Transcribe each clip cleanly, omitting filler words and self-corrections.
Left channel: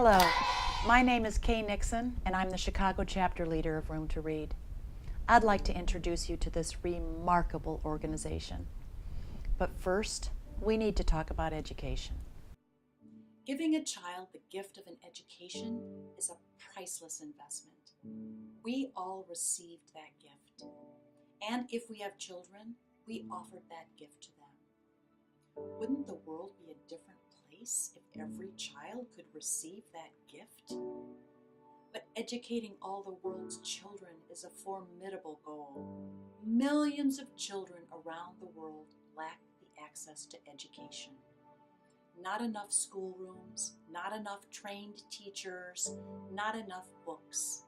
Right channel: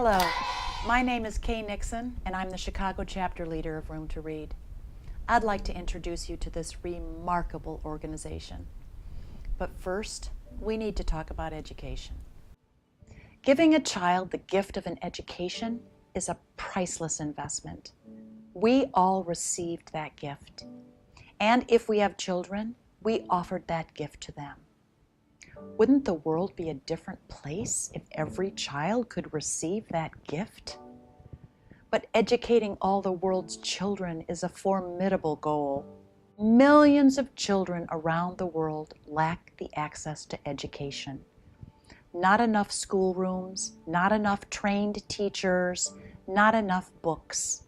Hello, my name is Kay Nixon, and I'm the Chicago chapter leader of Room to Read. I'd like to introduce you to this remarkable organization. But first, we need to talk about education. Giving a child the gift of an education is a priceless investment. We all received that gift. And if we have children, we offered that gift to them. Wouldn't the world be a different place if every child could receive that gift? But educating all the world's children is a formidable goal. Millions of children around the world lack the access to education. Not enough schoolrooms, not enough trained teachers, not enough books.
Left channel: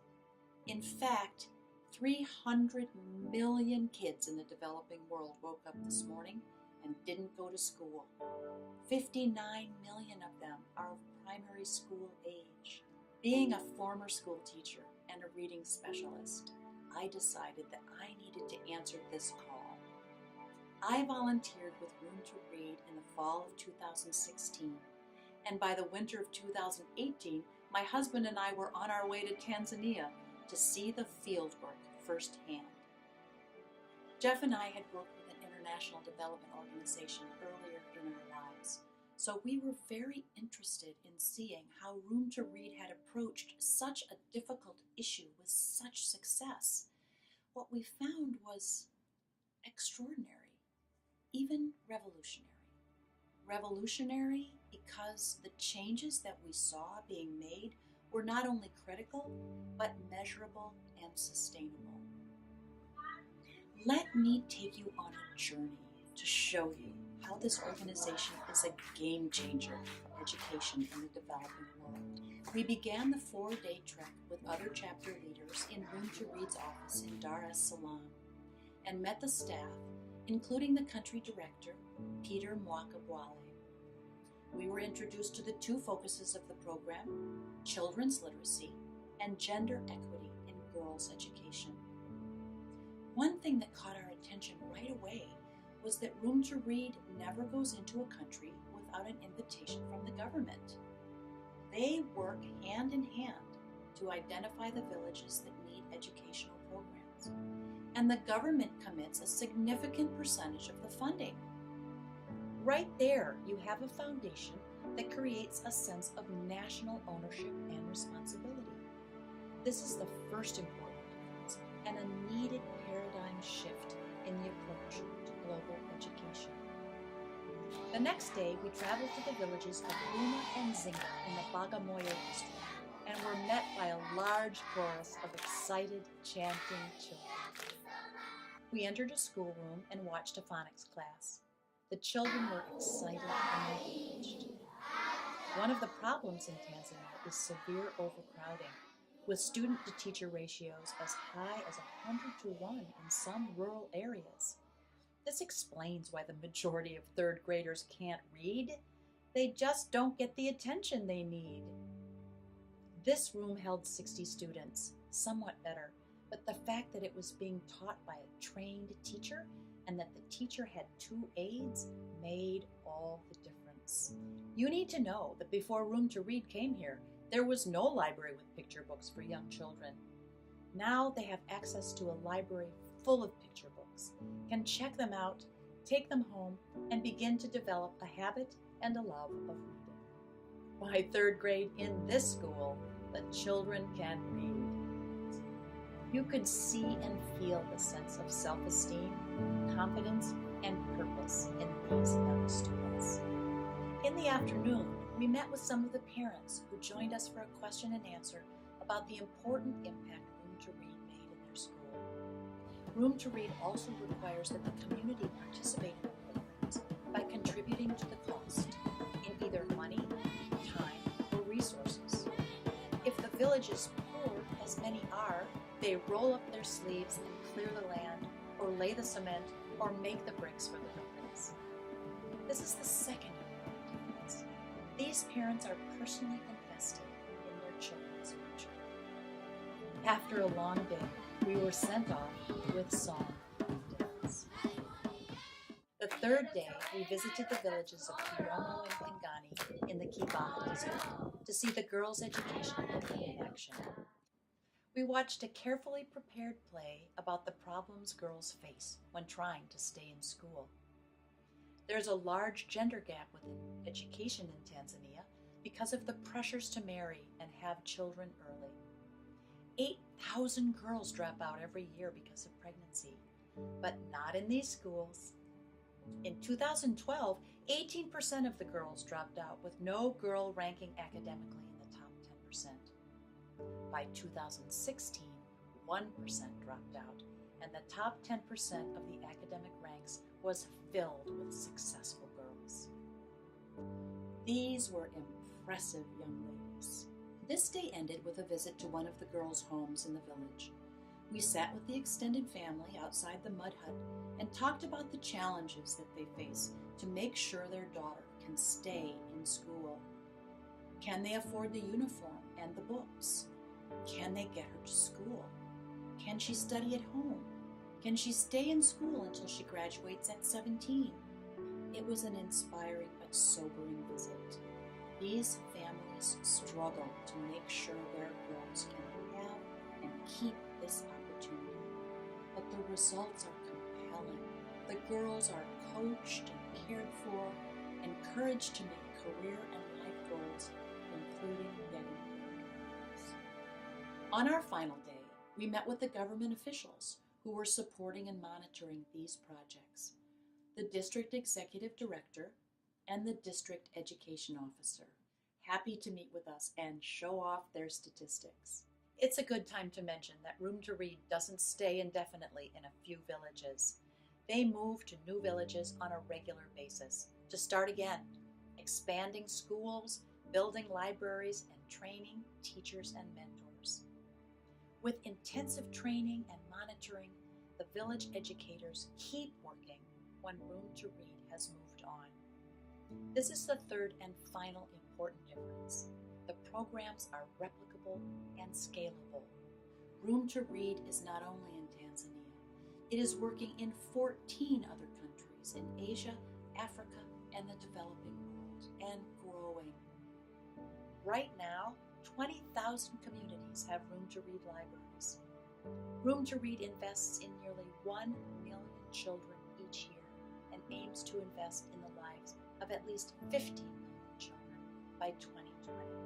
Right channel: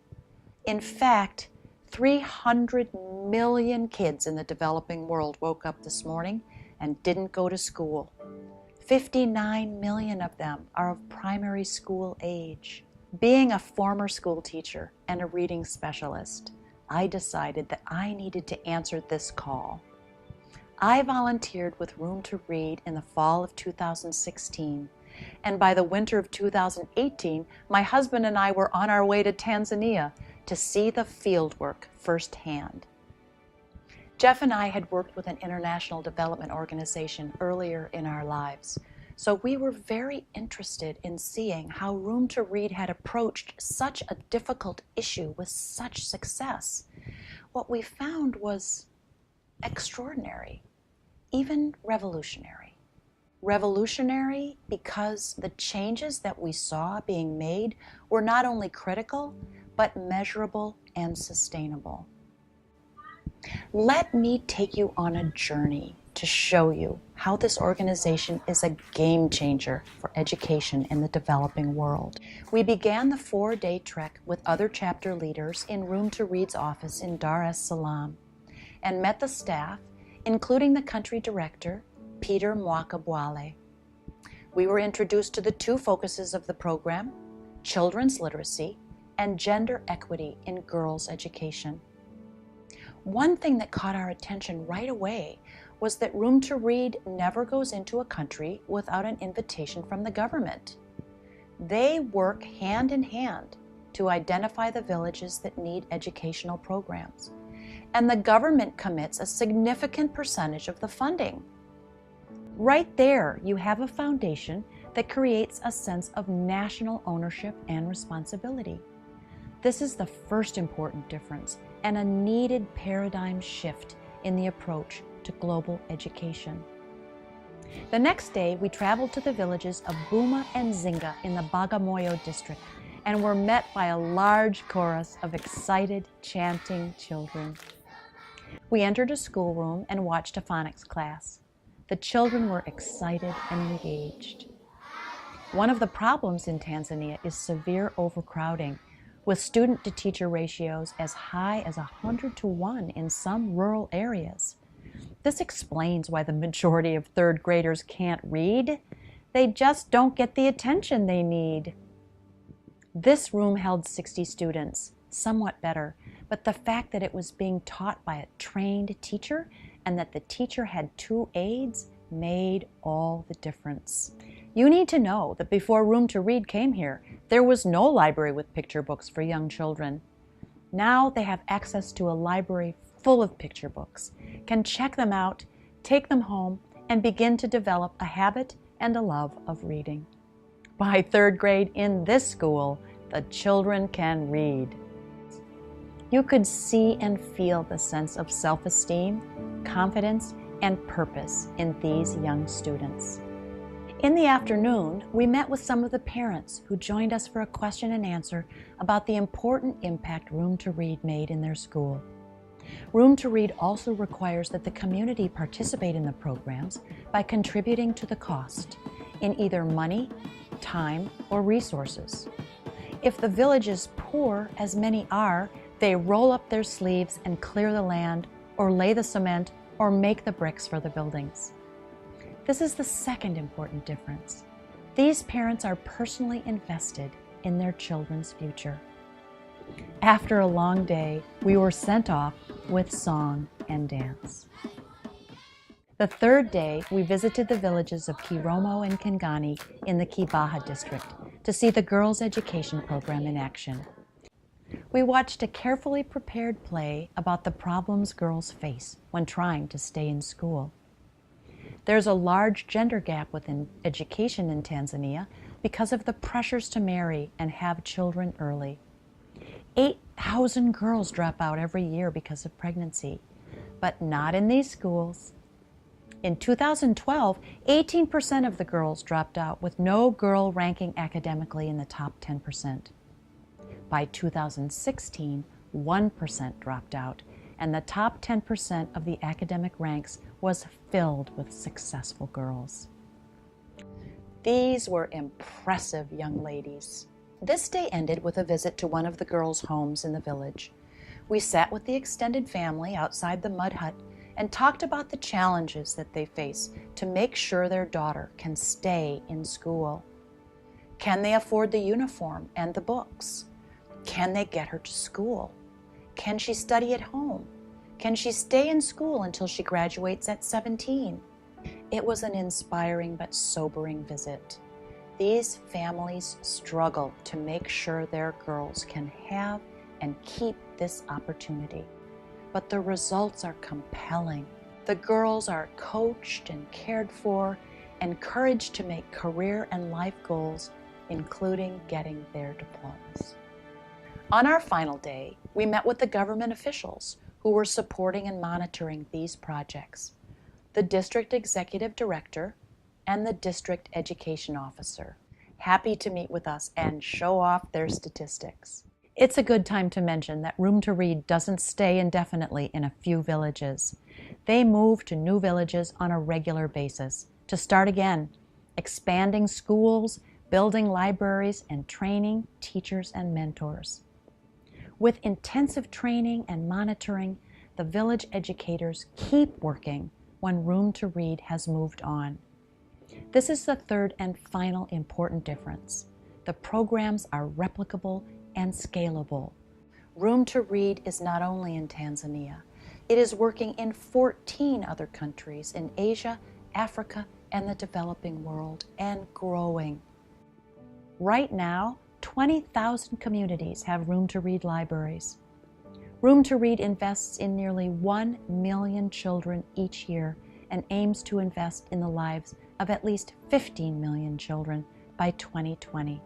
In fact, 300 million kids in the developing world woke up this morning and didn't go to school. 59 million of them are of primary school age. Being a former school teacher and a reading specialist, I decided that I needed to answer this call. I volunteered with Room to Read in the fall of 2016, and by the winter of 2018, my husband and I were on our way to Tanzania to see the fieldwork firsthand. Jeff and I had worked with an international development organization earlier in our lives, so we were very interested in seeing how Room to Read had approached such a difficult issue with such success. What we found was extraordinary, even revolutionary. Revolutionary because the changes that we saw being made were not only critical, but measurable and sustainable. Let me take you on a journey to show you how this organization is a game changer for education in the developing world. We began the 4-day trek with other chapter leaders in Room to Read's office in Dar es Salaam and met the staff, including the country director, Peter Mwakabwale. We were introduced to the two focuses of the program, children's literacy and gender equity in girls' education. One thing that caught our attention right away was that Room to Read never goes into a country without an invitation from the government. They work hand in hand to identify the villages that need educational programs, and the government commits a significant percentage of the funding. Right there, you have a foundation that creates a sense of national ownership and responsibility. This is the first important difference and a needed paradigm shift in the approach to global education. The next day, we traveled to the villages of Buma and Zinga in the Bagamoyo district and were met by a large chorus of excited, chanting children. We entered a schoolroom and watched a phonics class. The children were excited and engaged. One of the problems in Tanzania is severe overcrowding, with student-to-teacher ratios as high as 100-to-1 in some rural areas. This explains why the majority of third graders can't read. They just don't get the attention they need. This room held 60 students, somewhat better, but the fact that it was being taught by a trained teacher and that the teacher had 2 aides made all the difference. You need to know that before Room to Read came here, there was no library with picture books for young children. Now they have access to a library full of picture books, can check them out, take them home, and begin to develop a habit and a love of reading. By 3rd grade in this school, the children can read. You could see and feel the sense of self-esteem, confidence, and purpose in these young students. In the afternoon, we met with some of the parents who joined us for a question and answer about the important impact Room to Read made in their school. Room to Read also requires that the community participate in the programs by contributing to the cost in either money, time, or resources. If the village is poor, as many are, they roll up their sleeves and clear the land, or lay the cement, or make the bricks for the buildings. This is the second important difference. These parents are personally invested in their children's future. After a long day, we were sent off with song and dance. The 3rd day, we visited the villages of Kiromo and Kingani in the Kibaha district, to see the girls' education program in action. We watched a carefully prepared play about the problems girls face when trying to stay in school. There's a large gender gap within education in Tanzania because of the pressures to marry and have children early. 8,000 girls drop out every year because of pregnancy, but not in these schools. In 2012, 18% of the girls dropped out, with no girl ranking academically in the top 10%. By 2016, 1% dropped out, and the top 10% of the academic ranks was filled with successful girls. These were impressive young ladies. This day ended with a visit to one of the girls' homes in the village. We sat with the extended family outside the mud hut and talked about the challenges that they face to make sure their daughter can stay in school. Can they afford the uniform and the books? Can they get her to school? Can she study at home? Can she stay in school until she graduates at 17? It was an inspiring but sobering visit. These families struggle to make sure their girls can have and keep this opportunity. But the results are compelling. The girls are coached and cared for, encouraged to make career and life goals, including getting their diplomas. On our final day, we met with the government officials who were supporting and monitoring these projects, the district executive director and the district education officer, happy to meet with us and show off their statistics. It's a good time to mention that Room to Read doesn't stay indefinitely in a few villages. They move to new villages on a regular basis to start again, expanding schools, building libraries, and training teachers and mentors. With intensive training and monitoring, the village educators keep working when Room to Read has moved on. This is the third and final important difference. The programs are replicable and scalable. Room to Read is not only in Tanzania, it is working in 14 other countries in Asia, Africa, and the developing world, and growing. Right now, 20,000 communities have Room to Read libraries. Room to Read invests in nearly 1 million children each year and aims to invest in the lives of at least 15 million children by 2020.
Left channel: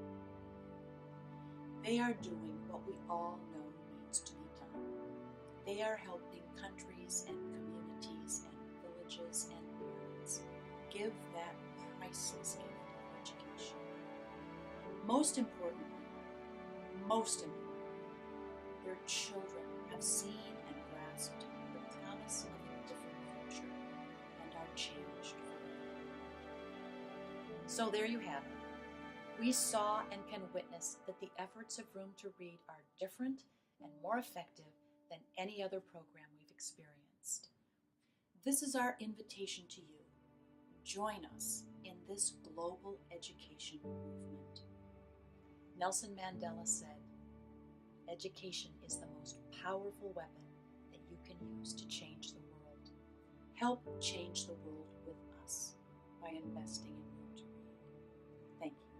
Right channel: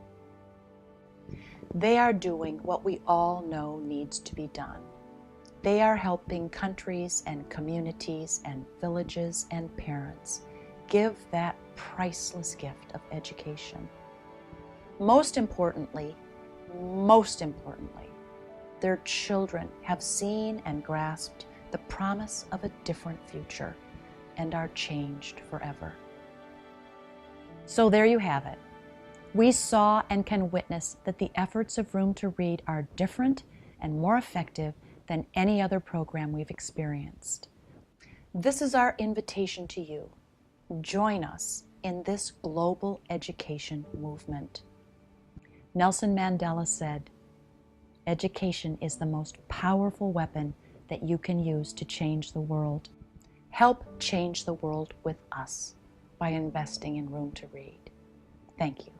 They are doing what we all know needs to be done. They are helping countries and communities and villages and parents give that priceless gift of education. Most importantly, their children have seen and grasped the promise of a different future and are changed forever. So there you have it. We saw and can witness that the efforts of Room to Read are different and more effective than any other program we've experienced. This is our invitation to you. Join us in this global education movement. Nelson Mandela said, "Education is the most powerful weapon that you can use to change the world. Help change the world with us by investing in Room to Read." Thank you.